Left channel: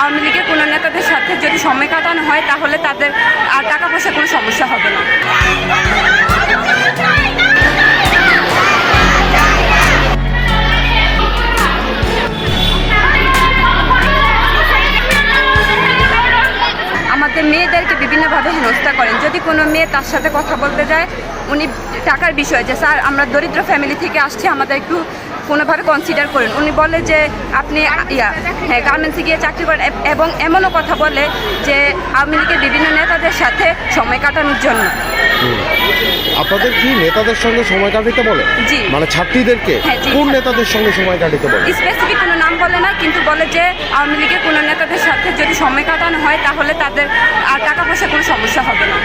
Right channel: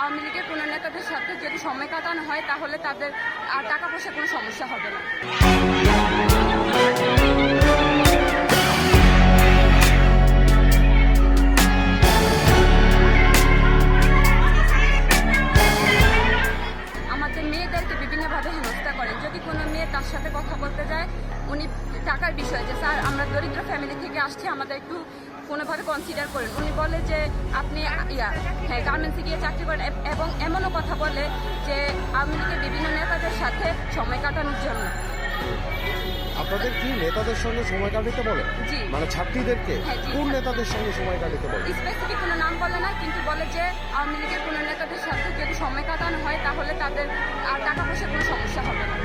আওয়ামী লীগের কোনো নেতাদের সাথে যদি সময় কাটানো হয়, তাহলে তাদের আর টাকা পয়সা কোনো সমস্যা হবে না। আমাদের মেয়েদেরকে বিভিন্নভাবে হেনস্থা করেন। যদি কোনো মেয়ে তার সাথে কথা বলতে যায়, উনি টাকার বিষয় যে, স্যার, আমরা দরিদ্র ফ্যামিলি থেকে আসছি, আমাদের একটু কোনোভাবে কনসিডার করেন। উনি বলে যে আপনি ইয়া হ্যাঁ গার্মেন্টসে গিয়ে চাকরি করেন। এবং এমনও কথা বলে যে আওয়ামী লীগের বিভিন্ন নেতাদের সাথে সময় কাটানোর জন্য। আপনাদের কি নেতাদের সঙ্গে সময় কাটাতে বলে? জি। মানে ছাত্রীদেরকে? হ্যাঁ। কোন নেতাদের সঙ্গে সময় কাটাতে বলে? স্পেসিফিক কোনো নাম বলে না কিন্তু বলে যে আওয়ামী লীগের কোনো নেতাদের সাথে যদি সময় কাটানো হয় তাহলে তাদের আর টাকা পয়সা কোনো সমস্যা হবে না।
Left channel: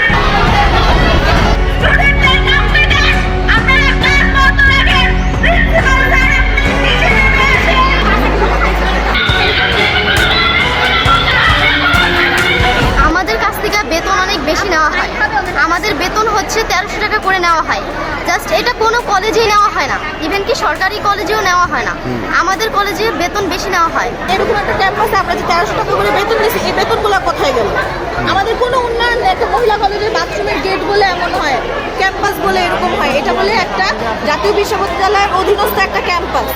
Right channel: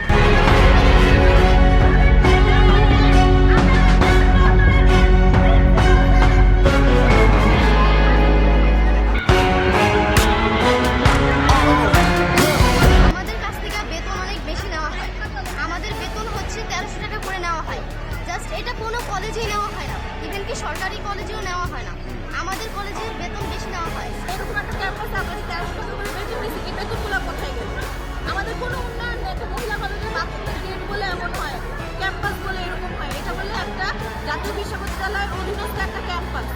হয় আমাদের বেতন হচ্ছে তেরোশো টাকা করে নেওয়া হয়। জাস্ট এটা কোনো কলেজেই নেওয়া হয় না। ইভেন কি সরকারি কলেজেও নেওয়া হয় না। আমাদের কলেজে বেতন বেশি নেওয়া হয়। এরকম একটা ক্যাম্পাসে আমরা যে তেরোশো টাকা করে বেতন নিয়েছি এই বেতনগুলো কোথায় গেল? আমাদের কোনো উন্নয়ন নেই। একটা মহিলা কলেজের বাথরুমের গেট বলে এমন হয় ক্যাম্পাস বলে এরকম হয়। এটা বলে একটা জাতীয় বিশ্ববিদ্যালয়ের অধীনস্থ একটা ক্যাম্পাস